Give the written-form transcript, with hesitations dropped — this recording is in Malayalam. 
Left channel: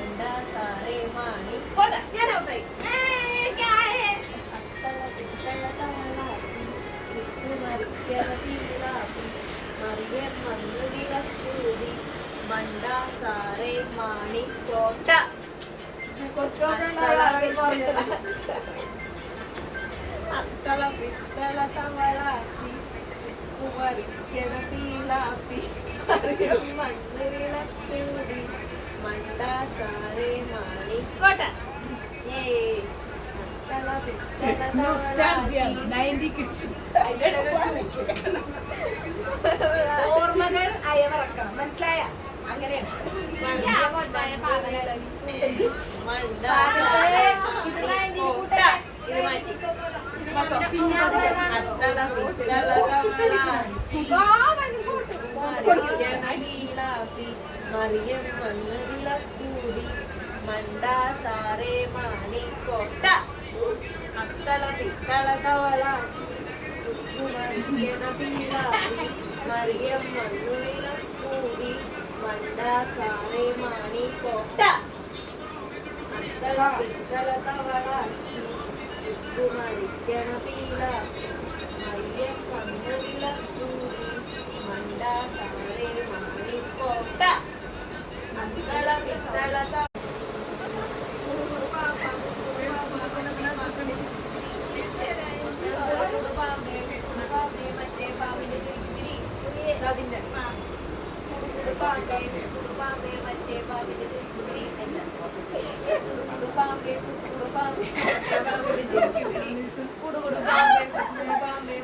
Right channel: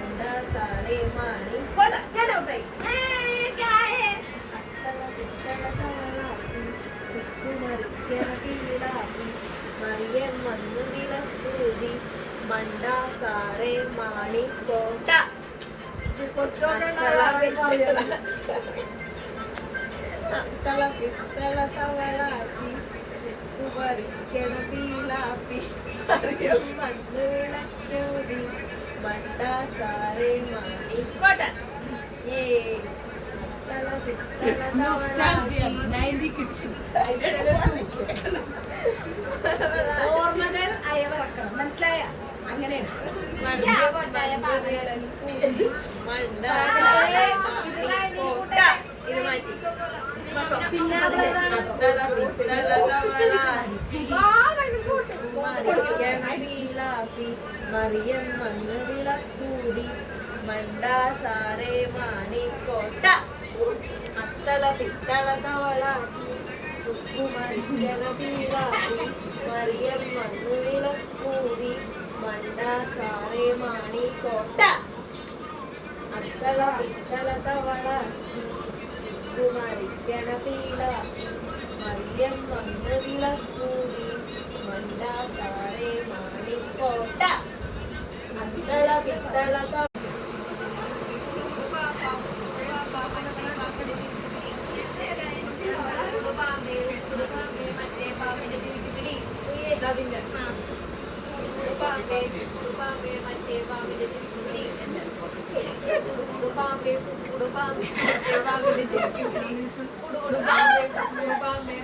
മണ്ട സാറേ മാണി മറിയം വന്നു വിളക്കൂതി മണ്ട സാറേ മാണി കോട്ട അത്തള പിത്തള തവളാച്ചി കുമരിക്കണ പീലാപ്പി മറിയം വന്നു വിളക്കൂതി മണ്ട സാറേ മാണി കോട്ട. അത്തള പിത്തള ഓർമ്മകൾ അയവിറക്കണം, മനസ്സിലായ? അങ്ങനെയാണ്. ഇത് മാറ്റി മറിയം വന്ന് വിളക്കൂതി മണ്ട സാറേ മാണിക്കോട്ട അത്തള പിത്തള തവളാച്ചി ചുക്കുമറിക്കണ പീളാപ്പി മറിയം വന്ന് വിളക്കൂതി മണ്ട സാറേ മാണിക്കോട്ട അത്തള പിത്തള തവളാച്ചി ചുക്കുമറിക്കണ പീളാപ്പി മറിയം വന്ന് വിളക്കൂതി മണ്ട സാറേ മാണിക്കോട്ട അത്തള പിത്തള പാമ്പേ